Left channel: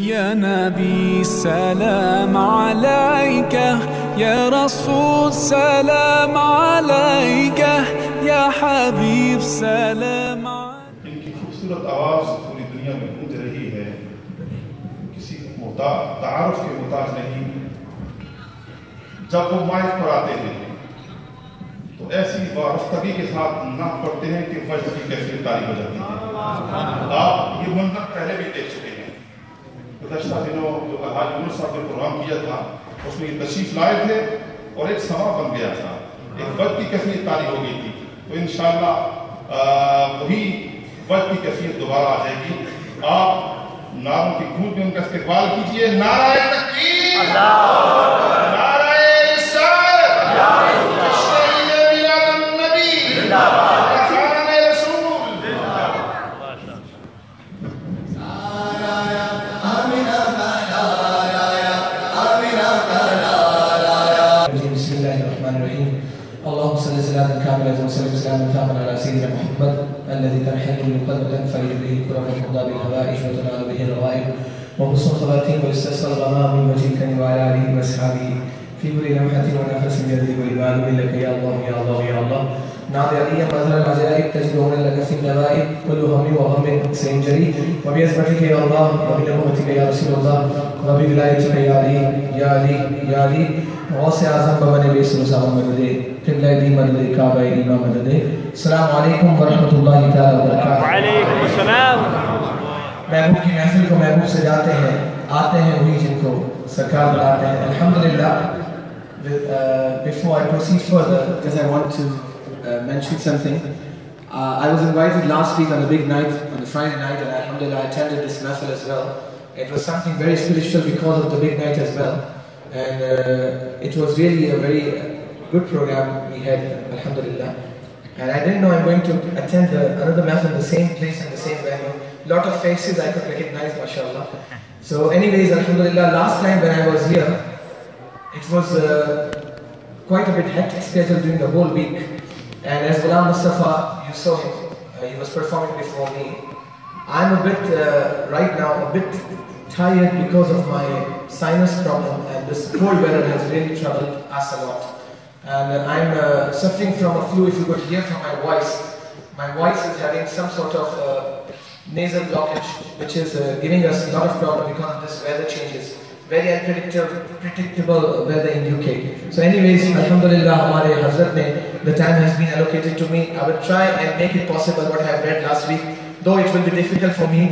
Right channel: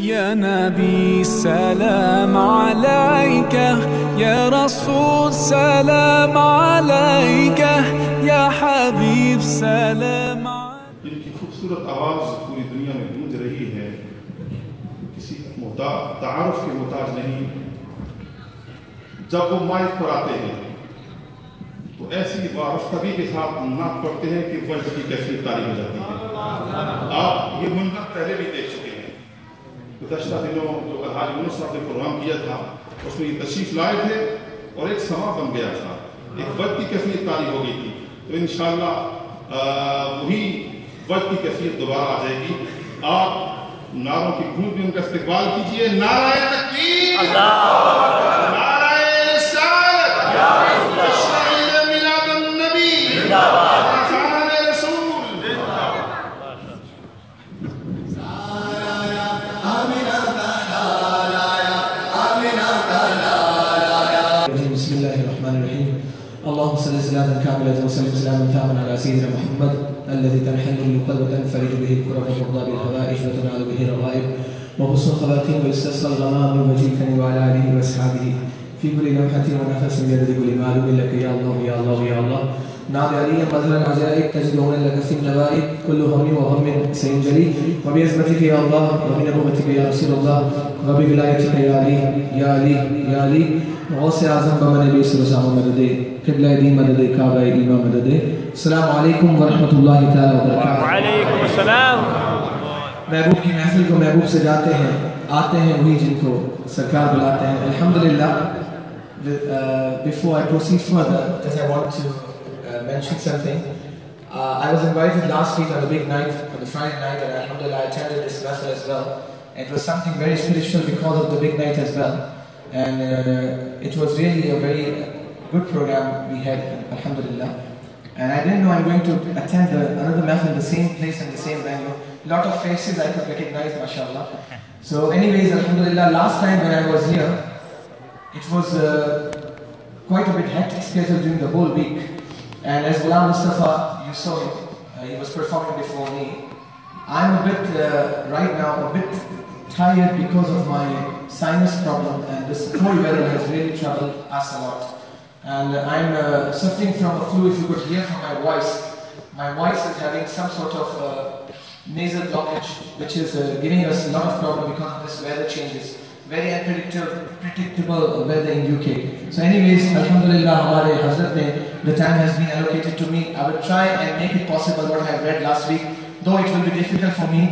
يا نبي سلام عليك، يا رسول سلام عليك، يا حبيب سلام عليك. ان کی خوبصورت آواز پوری دنیا میں گونج رہی ہے، کسی تعارف کے محتاج نہیں. جب وہ مائک پر آتے ہیں تو ایسی وارفتگی کے ساتھ نعت پڑھتے ہیں کہ وجد کی کیفیت طاری ہو جاتی ہے. آپ یہ منظر پہلے بھی دیکھ چکے ہیں. گزشتہ دنوں جو الحاج یونس صاحب نے پروگرام کیا تھا اس میں یہ تشریف لائے تھے اور ایک سما بن گیا تھا، ایک وجد کی کیفیت طاری ہو گئی تھی. تو انشاءاللہ وہی وجد کی کیفیت دوبارہ آ جائے گی. آپ نعروں کی گونج میں ان کا استقبال کیجئے. نعرہ تکبیر، نعرہ رسالت، تشریح میلاد النبی، خان رسول. بسم الله الرحمن الرحيم. اللهم صل سلاما كاملا وسلم سلاما تاما على سيدنا محمد الذي ترحمت للقلب وتنفرج به الكرب وتقضى بالحوائج وتنال به الغائب وحسن الخواتيم ويستسقى الغمام من وجهك وعلى اله واصحابه في كل لمحة ونفس بيده والمعلوم لك يا الله يا الله يا الله. نعم علي مظهر العجائب تجدون لك في النوائب كل هم وهم سينجري وبعزمتك يا الله وبنعمتك يا رسول الله وبولايتك يا علي يا علي يا علي. غوث اعظم بابا نبی صلی اللہ علیہ وسلم مدد قبلہ دین مدد کعبہ ایمان مدد. السلام علیکم ورحمۃ اللہ تعالی وبرکاتہ. وعلیکم السلام. محبوب کی محفل کو محبوب سے جاتے ہیں، آتے ہیں وہی جن کو سرکار بلاتے ہیں. الحمدللہ. Before I proceed further, because I want to mention something. I was invited last week on a big night, on the Friday night, and alhamdulillah I attended this mahfil as well. It was something very spiritual because of the big night as well. And it was really a very good program we had, alhamdulillah. And I didn't know I'm going to attend another mahfil in the same place and the same venue. Lot of faces I could recognize, mashallah. So anyways, alhamdulillah, last time when I was here, it was quite a bit hectic schedule during the whole week. And as Ghulam Mustafa, you saw him, he was performing before me. I'm a bit, right now, a bit tired because of my sinus problem, and this cold weather has really troubled us a lot. And I'm suffering from a flu. If you could hear from my voice is having some sort of nasal blockage, which is giving us a lot of problem because of this weather changes. Very unpredictable weather in UK. So anyways, alhamdulillah, Hamare Hazrat mein, the time has been allocated to me. I will try and make it possible what I have read last week, though it will be difficult for me.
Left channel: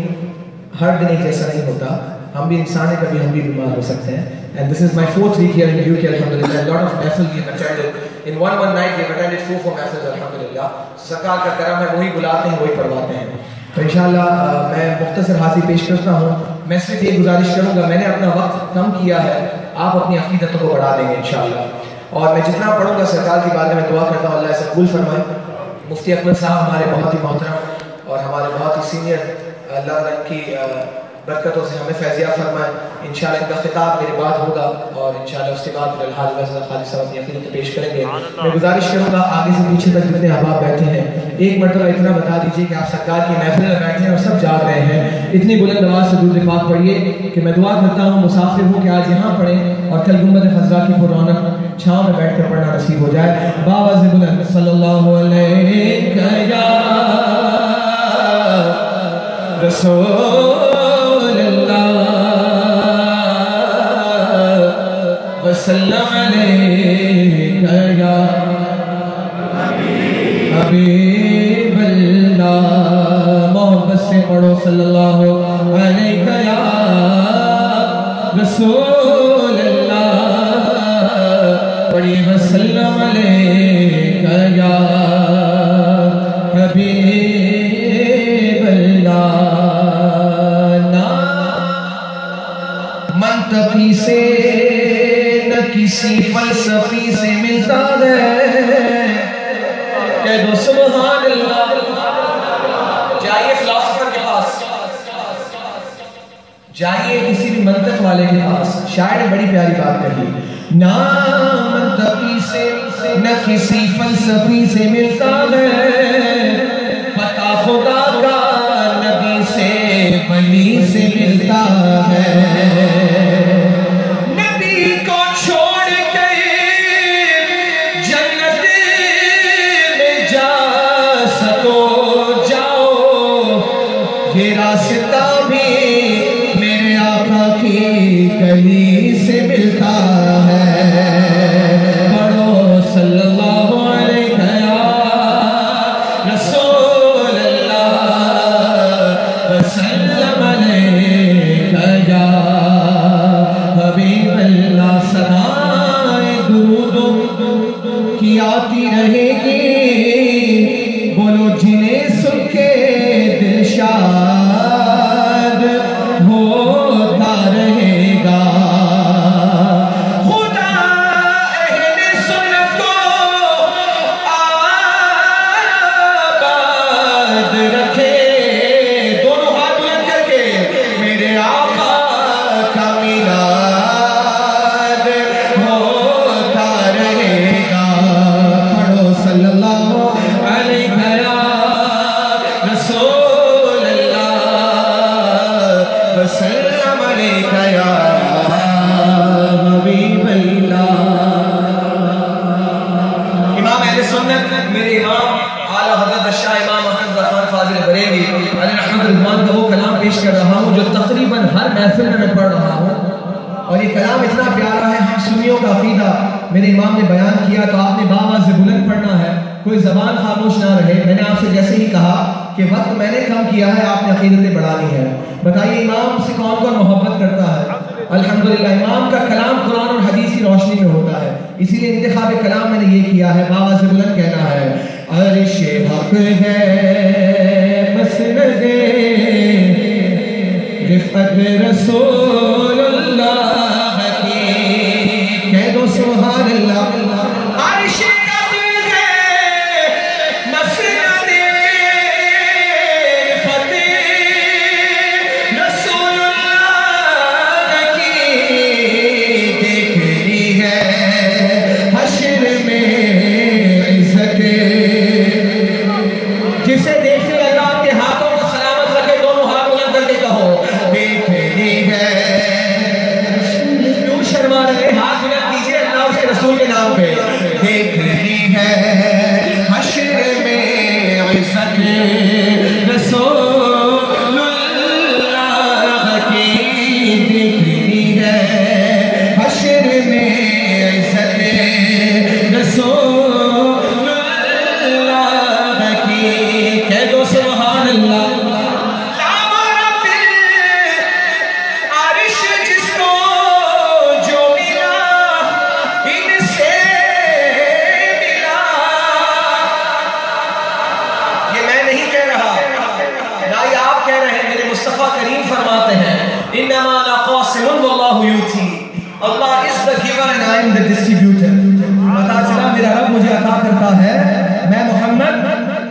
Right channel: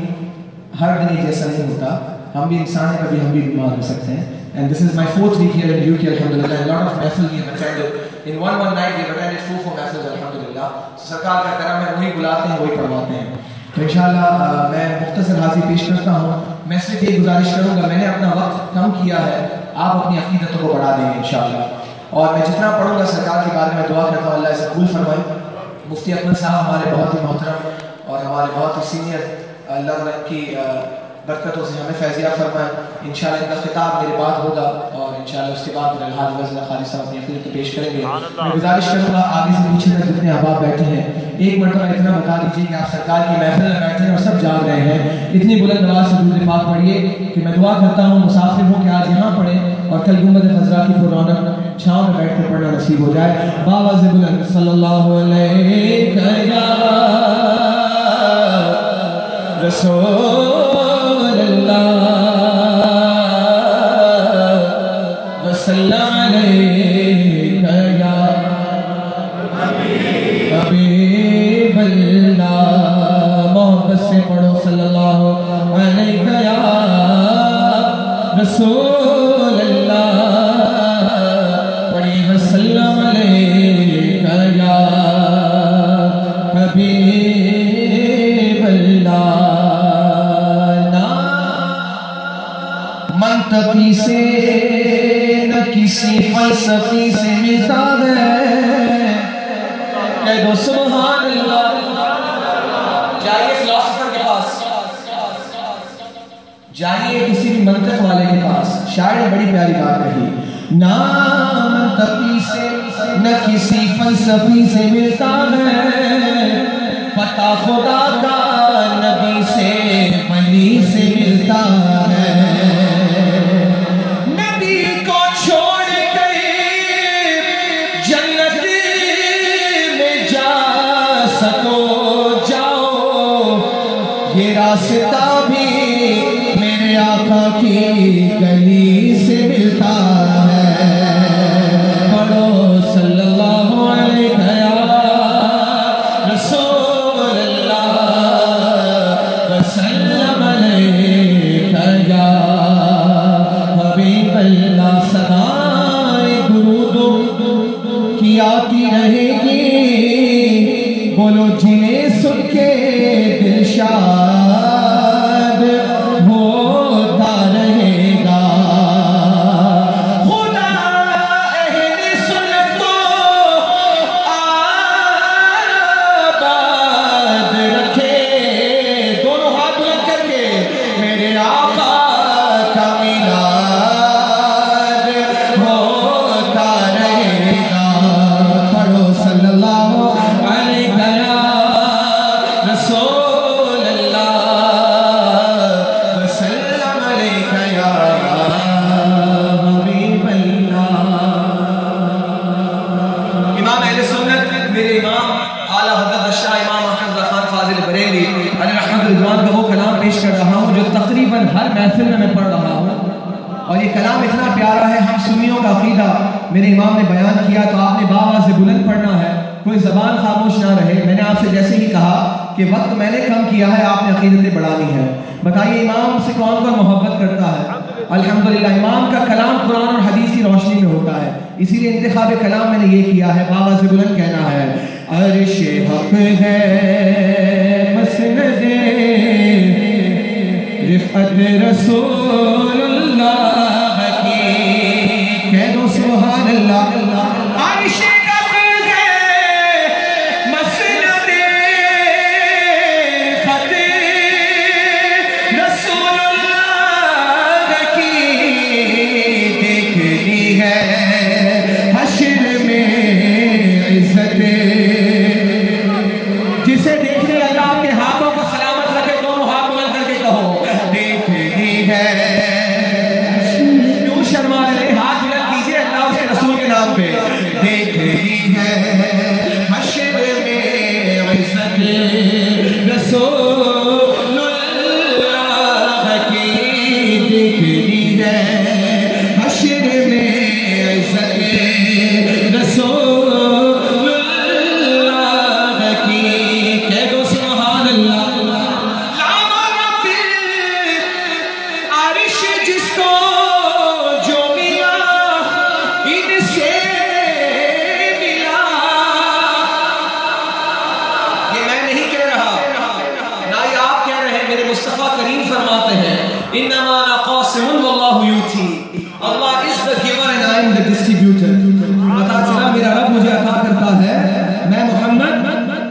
ہر دن ایک جیسا نہیں ہوتا. ہم بھی انسان ہیں، کبھی ہم بھی بیمار ہو سکتے ہیں. And this is my 4th week here in UK, alhamdulillah. A lot of mahfil we have attended. In one night we have attended 4 mahfils, alhamdulillah. سرکار کا کرم ہے، وہی بلاتے ہیں وہی پڑھواتے ہیں. تو انشاءاللہ میں مختصر حاضری پیش کرتا ہوں. میں صرف ایک گزارش کروں گا، میں نے اپنا وقت کم کیا ہے، آپ اپنی عقیدتوں کو بڑھا دیں گے انشاءاللہ. اور میں جتنا پڑھوں گا سرکار کے بارے میں دعا کرتا ہوں اللہ اسے قبول فرمائے. مفتی اکمل صاحب ہمارے بہت ہی محترم اور ہمارے بہت ہی سینئر، اللہ ان کی برکتوں سے ہمیں فیضیاب فرمائے. انشاءاللہ ان کا خطاب میرے بعد ہوگا اور انشاءاللہ اس کے بعد الحاج غزل خالد صاحب اپنی عقیدت پیش کریں گے. میں گزارش کروں گا آگے سے پیچھے تک جتنے احباب بیٹھے ہیں ایک مرتبہ اتنا بتا دیجیے کہ آپ سرکار کی محفل میں بیٹھے ہیں اور سب جاگ رہے ہیں. اتنی بلند آواز سے درود پاک پڑھیے کہ میں دعا کرتا ہوں مسافر ہوں کہ آج یہاں پڑھیں اور کل گنبد خضرا کی پررونق چھاؤں میں بیٹھ کر پڑھنا نصیب ہو جائے. بابا سے بلند صلی اللہ علیہ یا رسول اللہ وسلم علیہ یا حبیب اللہ. محبت سے پڑھو صلی اللہ علیہ یا رسول اللہ. پڑھیے وسلم علیہ یا حبیب اللہ. منطقی سے نہ کسی فلسفی سے ملتا ہے کہ دو سبحان اللہ. جائیے فلاسفر کے پاس، جائیے کسی بھی منطق والے کے پاس. شاعر نے بڑی پیاری بات کہی، نہ منطقی سے نہ کسی فلسفی سے ملتا ہے، پتہ خدا کا نبی سے ولی سے ملتا ہے. گلی سے ملتا ہے پڑھو صلی اللہ علیہ یا رسول اللہ وسلم علیہ یا حبیب اللہ صدائے درود کی آتی رہے گی بولو جنہیں سن کے دل شاد ہوتا رہے گا خدا اہل سنت کو آباد رکھے دونوں ہاتھ بلند کر کے میرے آقا کا میلاد ہوتا رہے گا پڑھو صلی اللہ علیہ یا رسول اللہ وسلم علیہ یا حبیب اللہ۔ امام اہل سنت میرے امام اعلیٰ حضرت الشیخ امام احمد خان فاضل بریلوی علیہ رحمۃ اللہ کا وہ کلام پیش کر رہا ہوں جو تقریباً ہر محفل میں پڑھ رہا ہوں، اور یہ کلام اتنا پیارا ہے، ہم سنیوں کا عقیدہ میرے امام نے بیان کیا تو آپ نے باآواز سے بلند پڑھنا ہے، کوئی زبان خاموش نہ رہے۔ میں نے آپ سے جیسے ہی کہا کہ وقت میں نے کم کیا ہے، آپ نے عقیدتیں بڑھانی ہے۔ بتائیے امام سے کون کون محبت کرتا ہے؟ الحمدللہ امام کا کلام قرآن اور حدیث کی روشنی میں ہوتا ہے، اسی لیے انتخاب کلام میں نے یہ کیا ہے، باآواز سے بلند کہنا ہے عرش حق ہے مسند رفعت رسول اللہ کی، کہہ دو سبحان اللہ۔ عرش حق ہے مسند رفعت رسول اللہ کی، دیکھنی ہے حشر میں عزت، جسے دیکھنے لگا آپ کے ہاتھوں کو سلامت رکھے، دونوں ہاتھ بلند کر کے کہو دیکھنی ہے، کیوں شرما رہے؟ ہاتھ بلند کیجئے اللہ اس کے رسول کے نام پہ، دیکھنی ہے حشر میں عزت رسول اللہ کی، دیکھنی ہے حشر میں عزت رسول اللہ کی، کہہ دو سبحان اللہ۔ رب عرش جس کو جو ملا ان سے ملا، یہ میں نہیں کہہ رہا، نہ یہ آپ کہہ رہے ہیں، میرے مصطفیٰ کریم فرماتے ہیں انما انا قاسم واللہ یؤتی، Allah is the giver and I am the distributor۔ پتا چلا میرا رب مجھے عطا کرتا ہے، میں محمد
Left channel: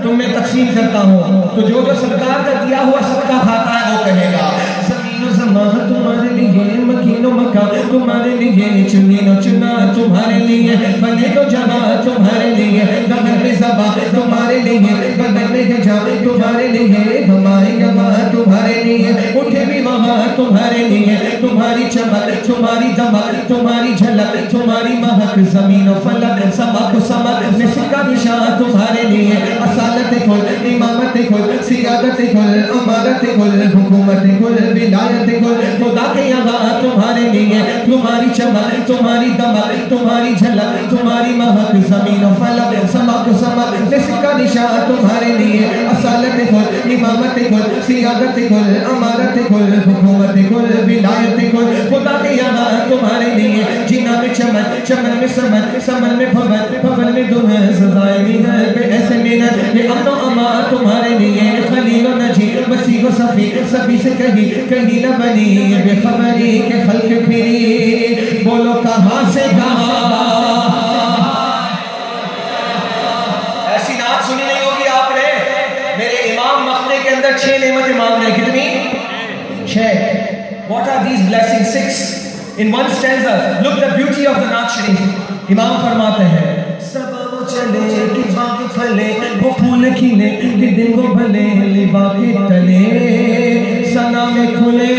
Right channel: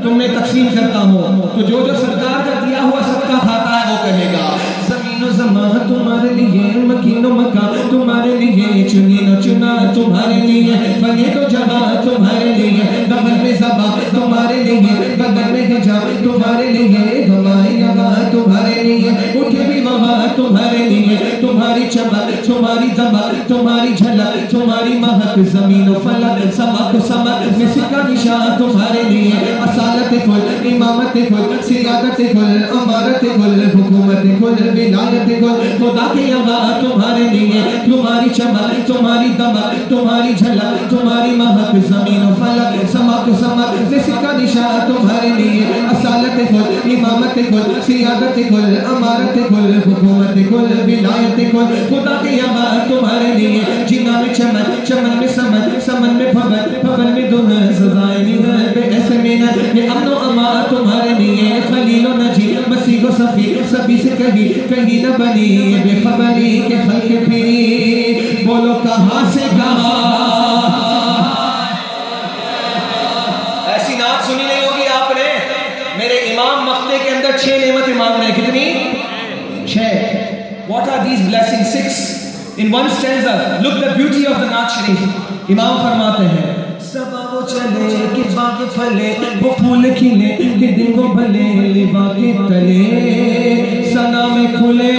تم میں تقسیم کرتا ہوں، تو جو سرکار کا دیا ہوا صدقہ کھاتا ہے وہ کہے گا زمین و زمان تمہارے لیے، مکین و مکان تمہارے لیے، چنین و چنا تمہارے لیے، بنے تو جگہ تمہارے لیے، بغل میں زبان تمہارے لیے، بغل میں گجا تمہارے لیے، دھمائی گواہ تمہارے لیے، اٹھے بھی وہاں تمہارے لیے، تمہاری چمک تمہاری دمک تمہاری جھلک تمہاری مہک، زمین و فلک سمک سمک میں سکہ نشان تمہارے لیے، اصالت کل امامت کل سیادت کل امارت کل حکومت کل ولایت کل، خدا کے یہاں تمہارے لیے، تمہاری چمک تمہاری دمک تمہاری جھلک تمہاری مہک، زمین و فلک سمک سمک میں سکہ نشان تمہارے لیے، اصالت کل امامت کل سیادت کل امارت کل حکومت کل ولایت کل، خدا کے یہاں تمہارے لیے، جنا میں چمن چمن میں سمن سمن میں بھون بھون میں دلہن سزائے ہے بے ایسے مینا، یہ امن و امان تمہارے لیے، خلیل و نجی مسیح و صفی سبھی سے کہیں نہ بنی بے خبری کے خلق پھری، بولو کہاں سے کہاں۔ ایسی نعت سنی نہیں ہوگی آپ نے، میرے امام مقطع کے اندر 6 نعمت امام نے، کتنی؟ 6۔ What are these blessings? 6 in one stanza. Look the beauty of the Naat Sharif. امام فرماتے ہیں سبا چلے کہ باغ پھلے وہ پھول کھلے کہ دن کو بھلے لبا کے تلے سنا میں کھلے،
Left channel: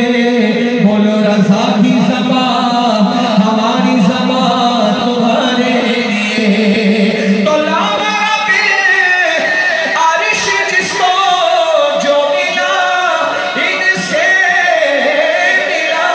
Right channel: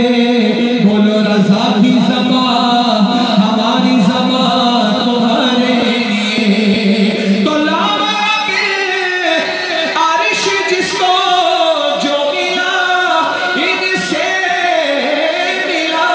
بولو رضا کی زبا ہماری زبا تمہارے لیے، تو لاما عرش جس کو جو ملا ان سے ملا،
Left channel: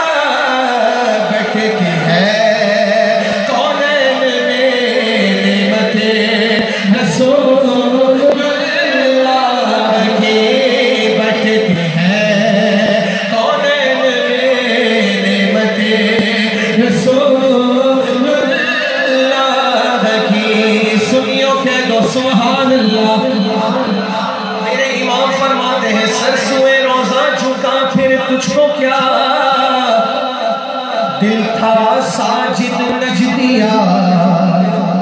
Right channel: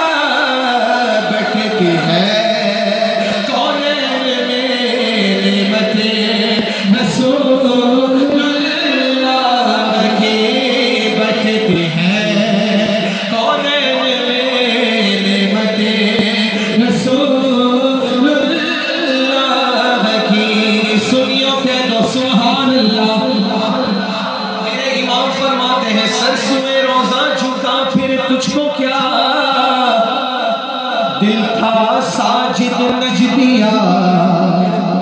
دل تھا ساجد نجدیا،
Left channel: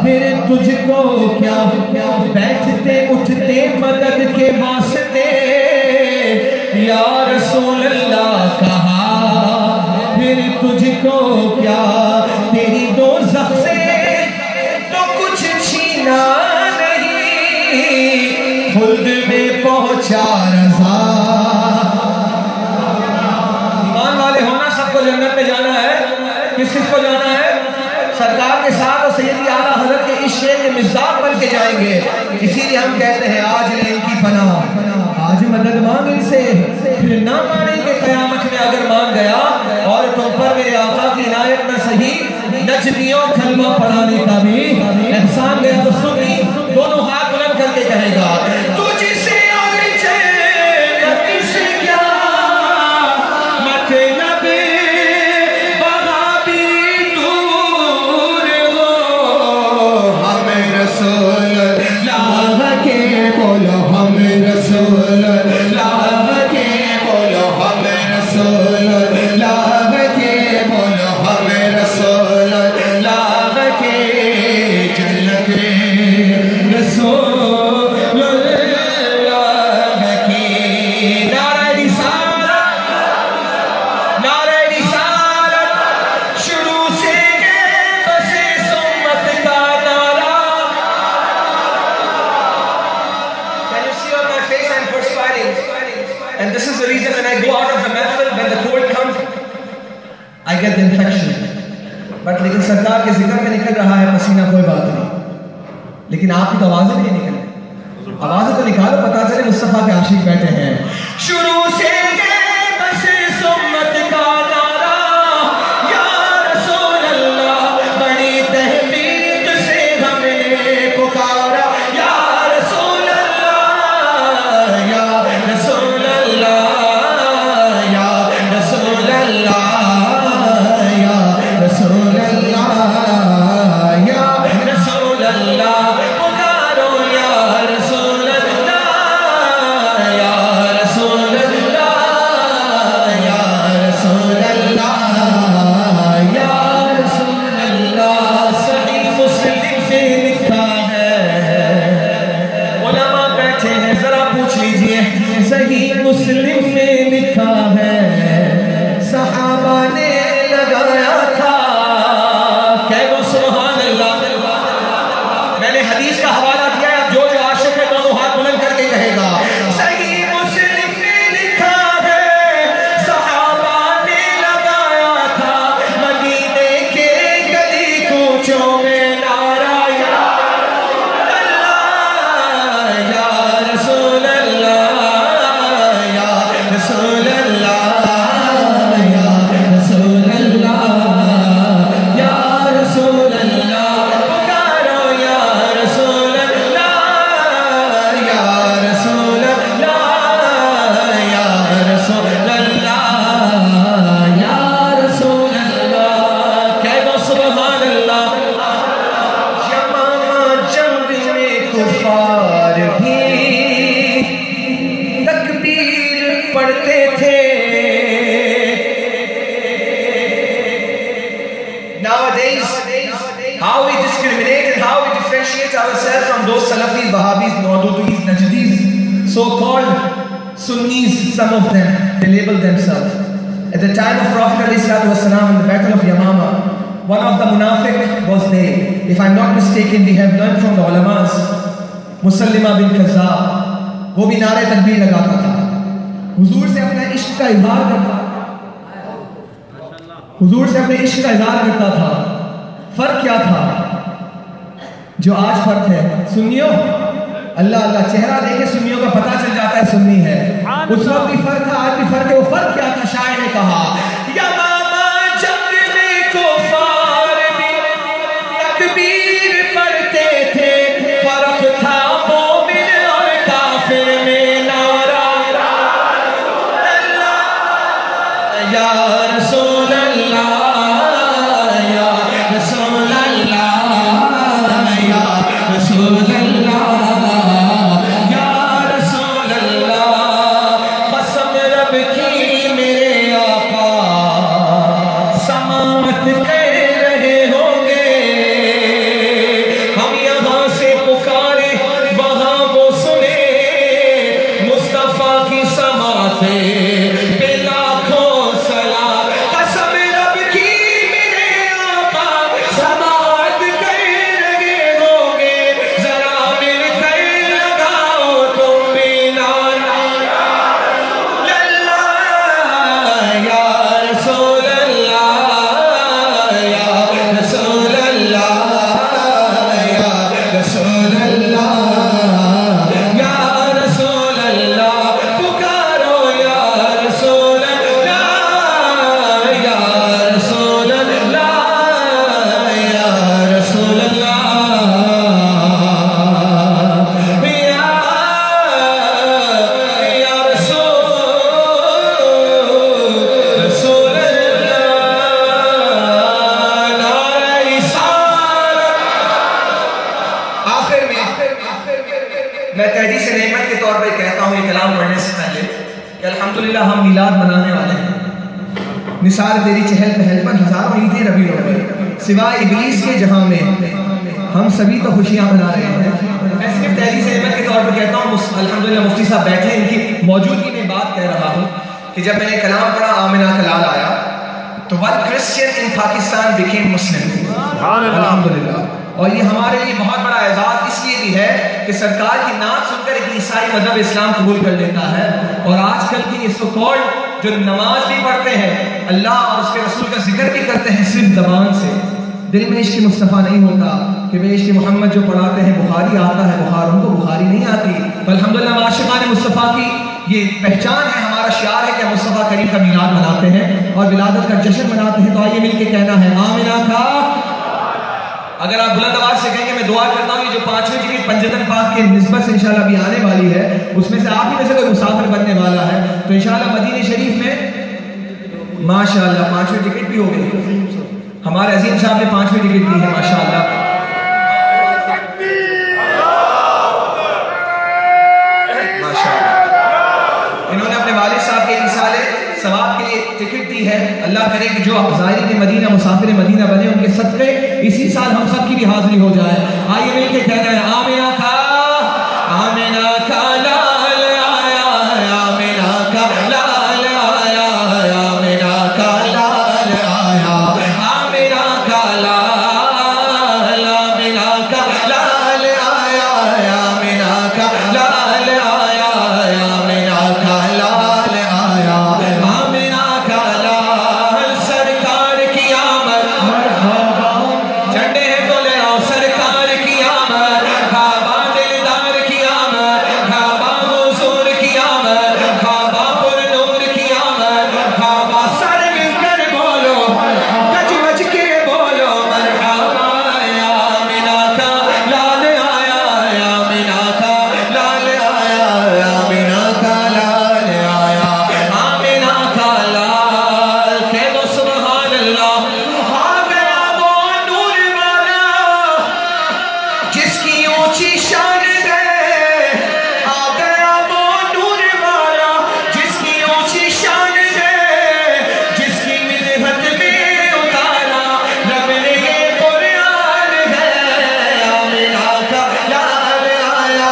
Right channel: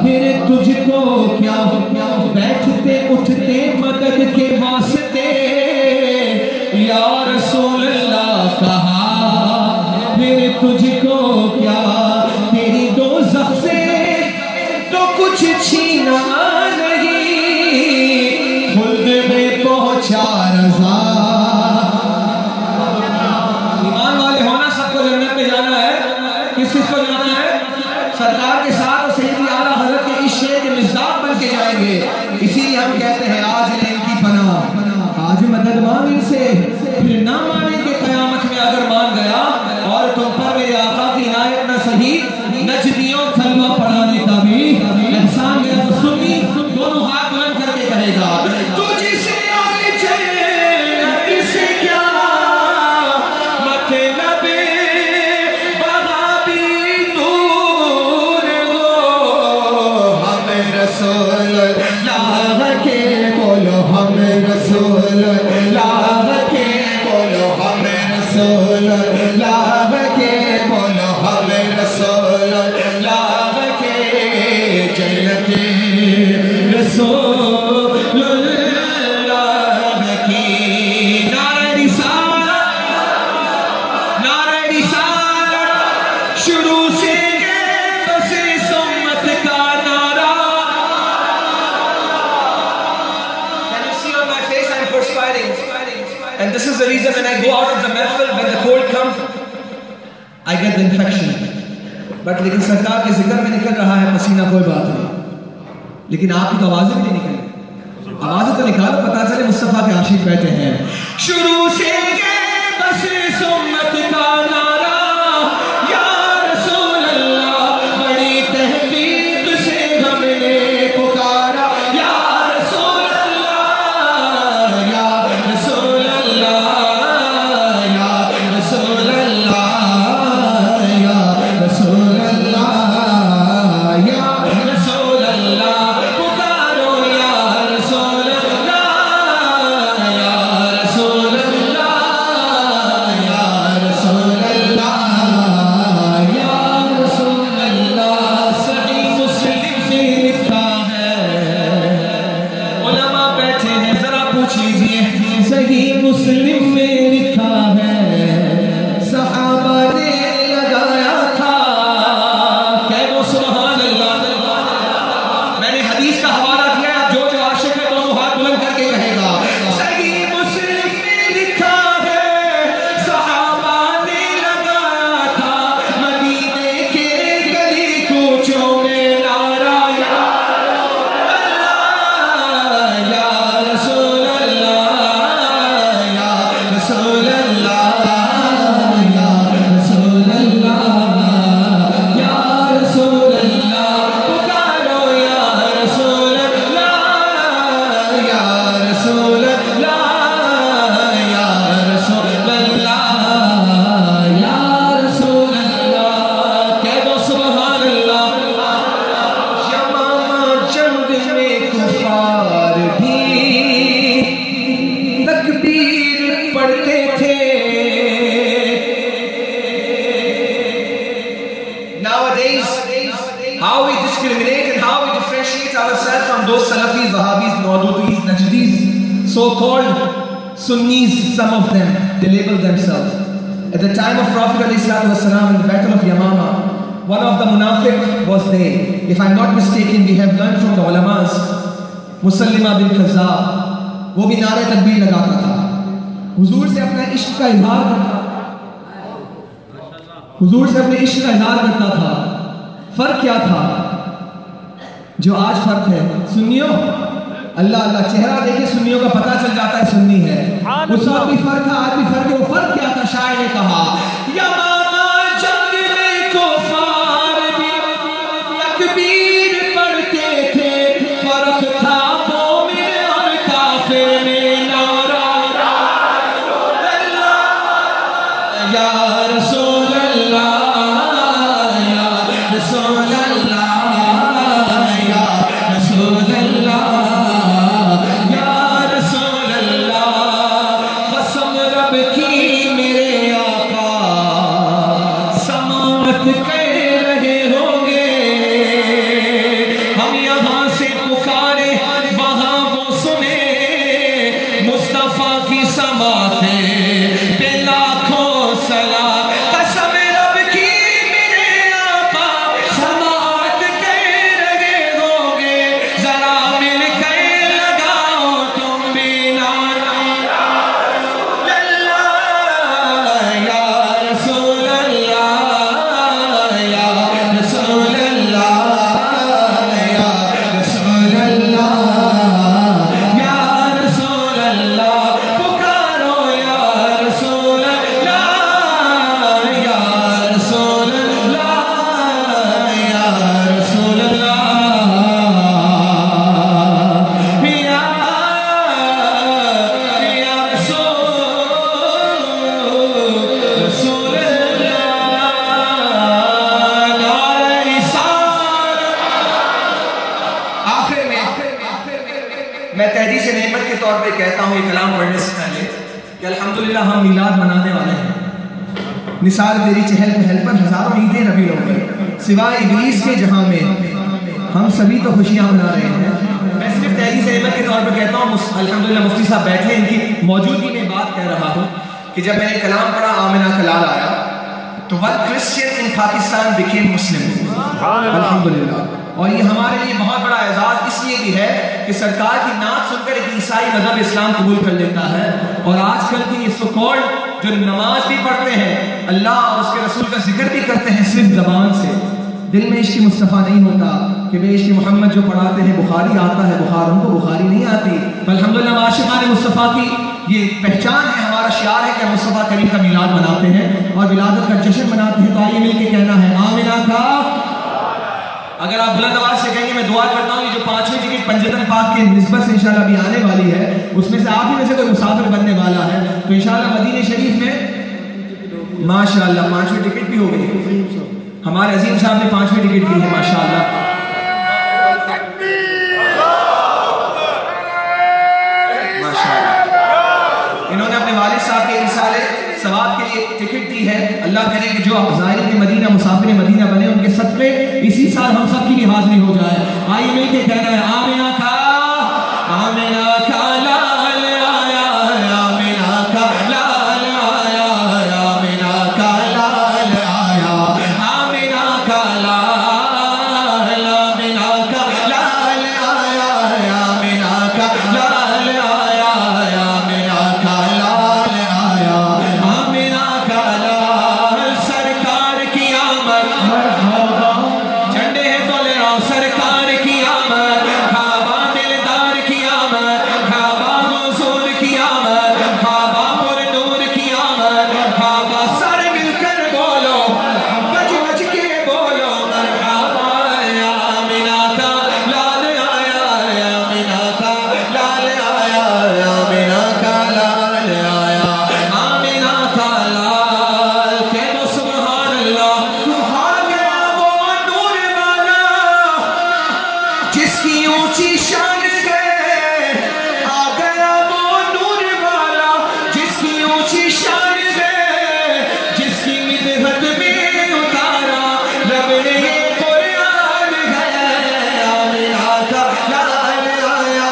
پھر تجھ کو کیا بیٹھتے اٹھتے مدد کے واسطے یا رسول اللہ کہا، پھر تجھ کو کیا تیری دوزخ سے تو کچھ چھینا نہیں، خلد میں پہنچا رضا۔ ایمان والے ہونا سب کو جنت میں جانا ہے، کس کس کو جانا ہے؟ سرکار کے ساتھ اور سیدی اعلیٰ حضرت کے عشق کے مصداق بن کے جائیں گے۔ اسی لیے ہم کہتے ہیں آج لیں ان کی پناہ، آج مدد مانگ ان سے، پھر نہ مانیں کہ قیامت میں اگر مان گیا اور تم پر میرے آقا کی عنایت نہ سہی، نجدیوں کلمہ پڑھانے کا بھی احسان گیا تو سنی دونوں ہاتھ بلند کر کے کہے گا، تجھ سے آئے جنت سے کیا مطلب وہاں بھی دور ہو، ہم رسول اللہ کے بولو، ہم رسول اللہ کے بولو، ہم رسول اللہ کے بولو، ہم رسول اللہ کے جنت رسول اللہ کی۔ نعرہ رسالت، نعرہ رسالت شروع سے بس سمت کا نعرہ۔ Can you see on my face I'm perspiring? And this is the reason when I go out of the mehfil, when the cold comes, I get the infection. But لیکن سرکار کے ذکر میں نکل رہا ہے پسینہ، کوئی بات نہیں، لیکن آپ کی تو آوازیں بھی نہیں نکل رہی، آوازیں تو نکالو، پتا چلے مصطفیٰ کے عاشق بیٹھے ہیں۔ شروع سے بس سنت کا نعرہ یا رسول اللہ، بڑی تحقیق سے ہم نے پکارا یا رسول اللہ، یا رسول اللہ، یا رسول اللہ، یا رسول اللہ، یا رسول اللہ، پکارو یا رسول اللہ، یا رسول اللہ، یا رسول اللہ، یا رسول اللہ۔ صحیح مسلم سے لکھا ہے، علماء بیٹھے ہیں ذرا پوچھ لیجئے، صحیح مسلم میں لکھا ہے، صحابہ نے لگایا تھا، کہو سبحان اللہ۔ میں نے حدیث کا حوالہ دیا ہے، جو جو عاشق ہے وہ ہاتھ بلند کر کے کہے گا، صحیح مسلم میں لکھا ہے، صحابہ نے لگایا تھا، مدینے کے گلی کوچوں میں نعرہ یا رسول اللہ، یا رسول اللہ، یا رسول اللہ، یا رسول اللہ، پکارو یا رسول اللہ، یا رسول اللہ، یا رسول اللہ، یا رسول اللہ، کہو سبحان اللہ۔ جمد میں کفار بھی تکبیر پڑھتے تھے۔ Nowadays, how we discriminate and how we differentiate ourselves from those Salafis, Wahhabis, Maududis, Najdis, so-called Sunnis, some of them, they label themselves. At the time of Prophet ﷺ in the battle of Yamama, one of the munafiq was there. If I'm not mistaken, we have learned from the ulamas, مسلمہ بن کذاب، وہ بھی نعرے تکبیر لگاتا تھا، حضور سے اپنا عشق کا اظہار کرتا تھا، حضور سے اپنے عشق کا اظہار کرتا تھا۔ فرق کیا تھا جو آج فرق ہے؟ سنیوں اللہ اللہ چہرہ دیکھے سنیوں کا پتہ چل جاتا ہے سنی ہے، اس وقت بھی فرق تھا، آج بھی فرق ہے۔ وہ فرق کیا تھا؟ شاعر نے کہا یمامہ جنگ میں کفار بھی تکبیر پڑھتے تھے، فرق تھا مومن اور کافر میں نعرہ یا رسول اللہ، یا رسول اللہ، یا رسول اللہ، یا رسول اللہ۔ قسم رب کی میرے آقا سماعت الحمدللہ ہم میلاد منانے والے ہیں. مثال تیری چہل پہل پر ہزاروں عیدیں ربیع الاول، سوائے ابلیس کے جہاں میں ہم سبھی تو خوشیاں منا رہے ہیں. میں صرف تحریر احمد کے طور پر کہتا ہوں، الحمدللہ مفتی صاحب بیٹھے، ان کی موجودگی میں بات کہہ رہا ہوں کہ جب میں نے کلام پڑھا آمنہ کلال آیا تو one Christian in Pakistan became Muslim. الحمدللہ. اور یہ ہمارے لیے بہت بڑا اعزاز اس لیے بھی ہے کہ سرکار کی نعت سن کر ایک عیسائی مذہب اسلام قبول کر لیتا ہے، اور آج کل کی اس کو جو نماز بھی پڑھتے ہیں، اللہ اور اس کے رسول کا ذکر بھی کرتے ہیں صرف زبان سے، دل میں عشق مصطفیٰ نہیں ہوتا کہ بے عشق محمد جو پڑھاتے ہیں بخاری آتا ہے، بخاروں کو بخاری نہیں آتی. الحمدللہ عاشقان مصطفیٰ کی یہ پہچان ہے، ہمارا شعار ہے کہ ہم مصطفیٰ کریم کا میلاد مناتے ہیں اور ولادت کا جشن مناتے ہیں. تو آئیے مل کے کہنا ہے آمنہ کا. اگر آپ بلند آواز سے کہیں گے، میں دعا کرتا ہوں یہ جو 5ویں ٹکٹ پنجتن پاک کے نسبت سے انشاءاللہ ابھی آنے والی ہے، اس میں سے آپ ہی میں سے کوئی مسافر بننے والا ہے، تو انشاءاللہ مدینہ شریف میں ماشاءاللہ 5ویں ٹکٹ بھی ہو گئی. ہمارے عظیم صاحب نے 5ویں ٹکٹ دی ہے ماشاءاللہ. انہوں نے اپنے والد صاحب کے ایصال ثواب کے لیے ٹکٹ دی ہے. اللہ کرے کہ جو آپ زائرین مدینہ مسافر مدینہ بنے، ان کے صدقے اسی سال ہم سب کی بھی حاضری ہو جائے. آئیے مل کے کہنا ہے آمنہ کا، آمنہ کا لال آیا، آمنہ کا لال آیا، آمنہ کا لال آیا، آمنہ کا لال، آمنہ کا لال آیا، آمنہ کا لال آیا، آمنہ کا لال آیا، آمنہ کا لال. سرکار کی آمد جھنڈے ہیں تو لے آؤ، سرکار کی آمد، کعبہ دلدار کی آمد، کعبہ حضور کی آمد، کعبہ پر نور کی آمد، کعبہ سر مل کر بولو، بج بج کے بولو مرحبا. یا آمنہ کا لال آیا، آمنہ کا لال آیا، آمنہ کا لال آیا، آمنہ کا لال. کہہ دو سبحان اللہ. آ گیا وہ نور والا جس کی اونچی شان ہے، آ گیا وہ نور والا جس کی اونچی شان ہے، جس کی مدحت میں اتارا رب نے یہ قرآن ہے. آمنہ کا لال آیا،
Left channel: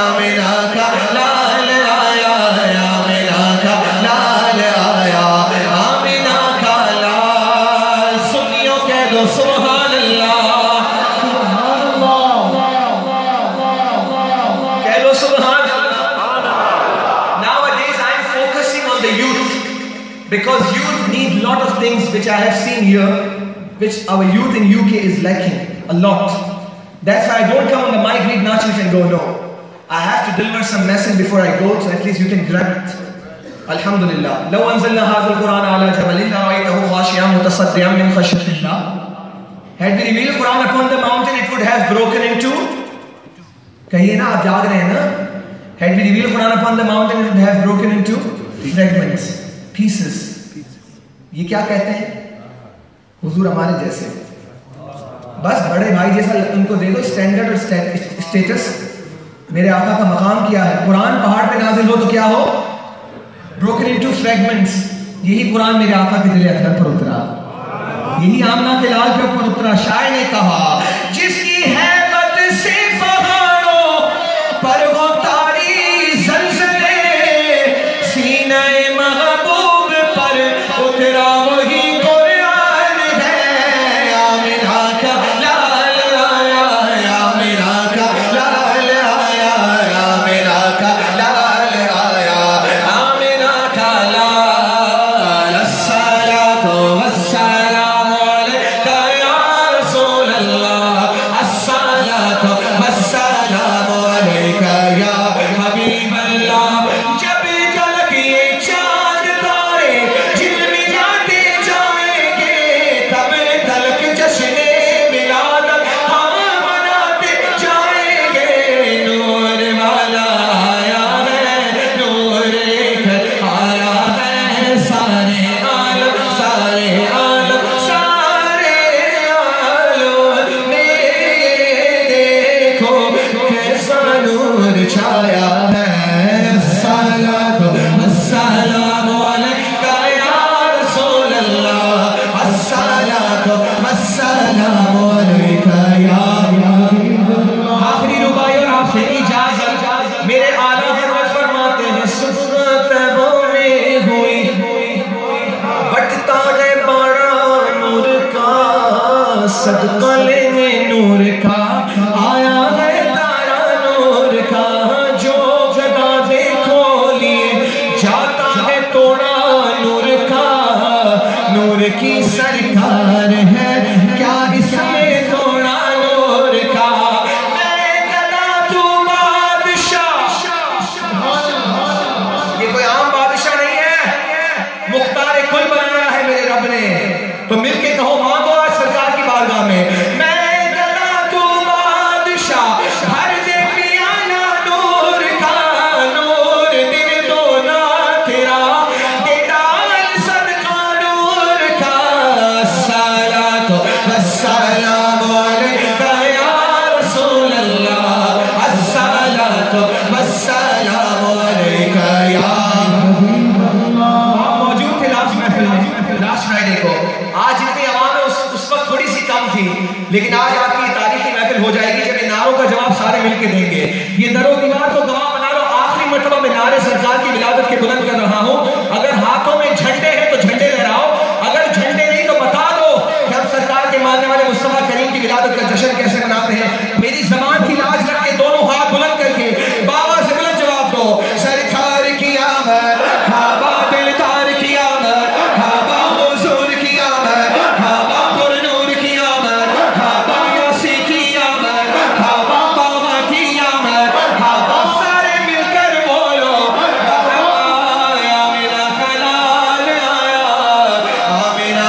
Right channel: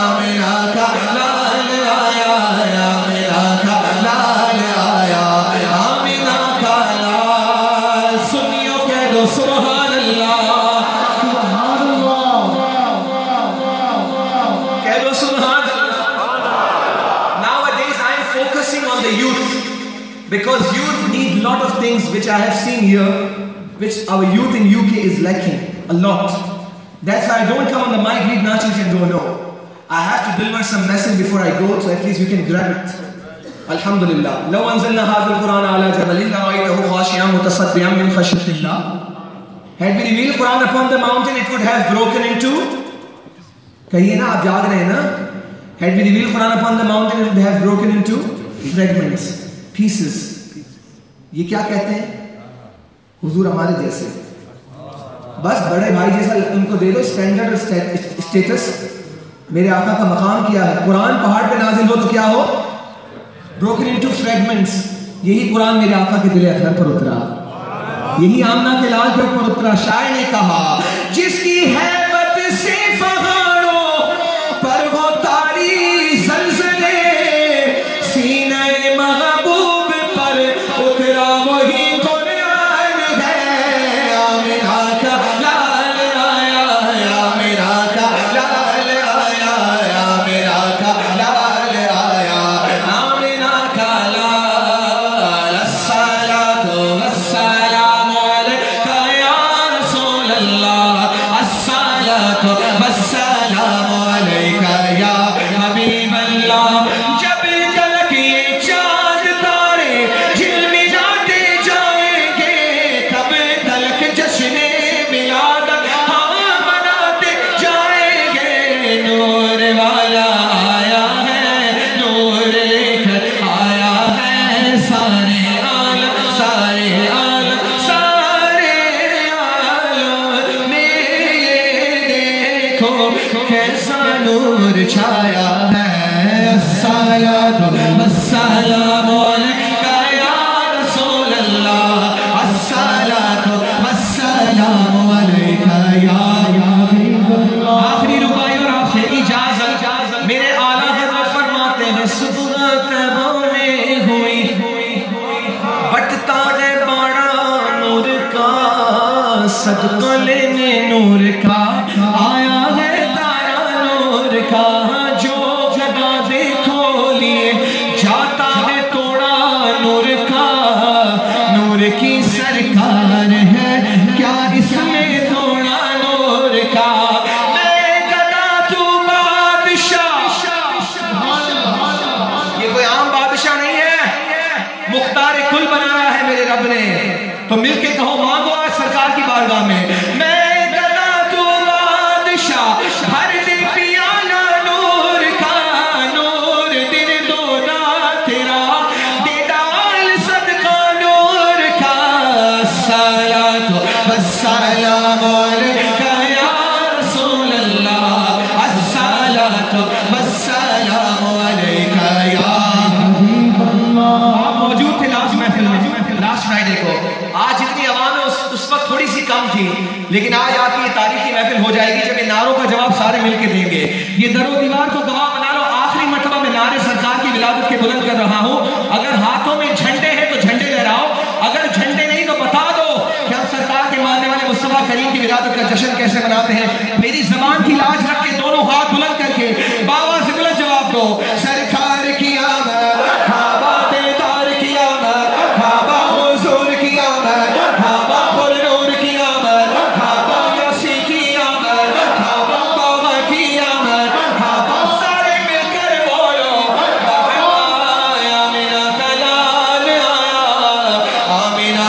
آمنہ کا لال آیا، آمنہ کا لال آیا، آمنہ کا لال. سنیو کہہ دو سبحان اللہ، کہہ دو سبحان اللہ. Nowadays I am focusing on the youth because youth need lot of things which I have seen here, which our youth in UK is lacking a lot. That's why I don't come on the mic, read nachas and go, no. I have to deliver some message before I go, so at least you can grab it. Alhamdulillah. لو أنزلنا هذا القرآن على جبل لرأيته خاشعا متصدعا من خشية الله. Had we revealed Quran upon the mountain, it would have broken into. کہیے نا، آپ جاگ رہے ہیں نا. Had we revealed Quran upon the mountain, it would have broken into fragments, pieces. یہ کیا کہتے ہیں؟ حضور ہمارے جیسے، بس بڑے بھائی جیسا ان کو دے دو اسٹینڈرڈ اور اسٹیٹس. میرے آقا کا مقام کیا ہے؟ قرآن پہاڑ پہ نازل ہو تو کیا ہو؟ broken into fragments. یہی قرآن میرے آقا کے دل اخلاق پر اترا، یہی آمنہ کے لال کے اوپر اترا. شاعر نے کہا جس کی ہیبت سے پہاڑوں پر وہ تاری زلزلے، سینہ محبوب پر اترا وہی قرآن ہے. آمنہ کا لال آیا، آمنہ کا لال آیا، آمنہ کا لال آیا، آمنہ کا لال. الصلاۃ والسلام علیکہ یا رسول اللہ، آخری ربائی اور آپ سے اجازت، میرے آلہ حضرت فرماتے ہیں صبح ہونے ہوئی بٹتا ہے بڑا نور کا، صدقہ لینے نور کا آیا ہے تارا نور کا، جو جگہ دیکھو لیے جاتا ہے توڑا نور کا، نور کی سرکار ہے کیا اس میں توڑا نور کا، میں گدا تو بادشاہ، یہ کوئی عام بادشاہ نہیں ہے، مختار کل بنایا ہے میرے رب نے، تو مل کے کہو مانگو آج سرکار کی بارگاہ میں، میں گدا تو بادشاہ ہر دے پیانا نور کا، نور دے دونا تیرا دے ڈال صدقہ نور کا، الصلاۃ والسلام علیکہ یا رسول اللہ، الصلاۃ والسلام علیکہ یا حبیب اللہ۔ آپ موجود تھے لاسٹ محفل میں، لاسٹ فرائیڈے کو، آج اتنی عوام ہے، اس وقت تھوڑی سی کم تھی، لیکن آج آپ کی تاریخی محفل ہو جائے گی جب ان نعروں کا جواب سارے مل کے دیں گے۔ یہ در و دیوار کو گواہ بنا لو، آخری مرتبہ میں نعرے سرکار کی ولادت کے بلند کر رہا ہوں، اگر ہاتھوں میں جھنڈے ہیں تو جھنڈے لہراؤ، اگر جھنڈے نہیں تو بتا دو کہ ہم سرکار کے ماننے والے مصطفیٰ کریم کی ولادت کا جشن کیسے مناتے ہیں۔ میری زبان کی لاج رکھ کے دونوں ہاتھ بلند کر کے بابا سے بلند جواب دو، سرکار کی آمد، ہابا دلدار کی آمد، ہابا حضور کی آمد، ہابا پر نور کی آمد، ہابا یاسی کی آمد، ہابا بابا کی آمد، ہابا سارے مل کر بولو، آیا میرا کلال آیا، میرا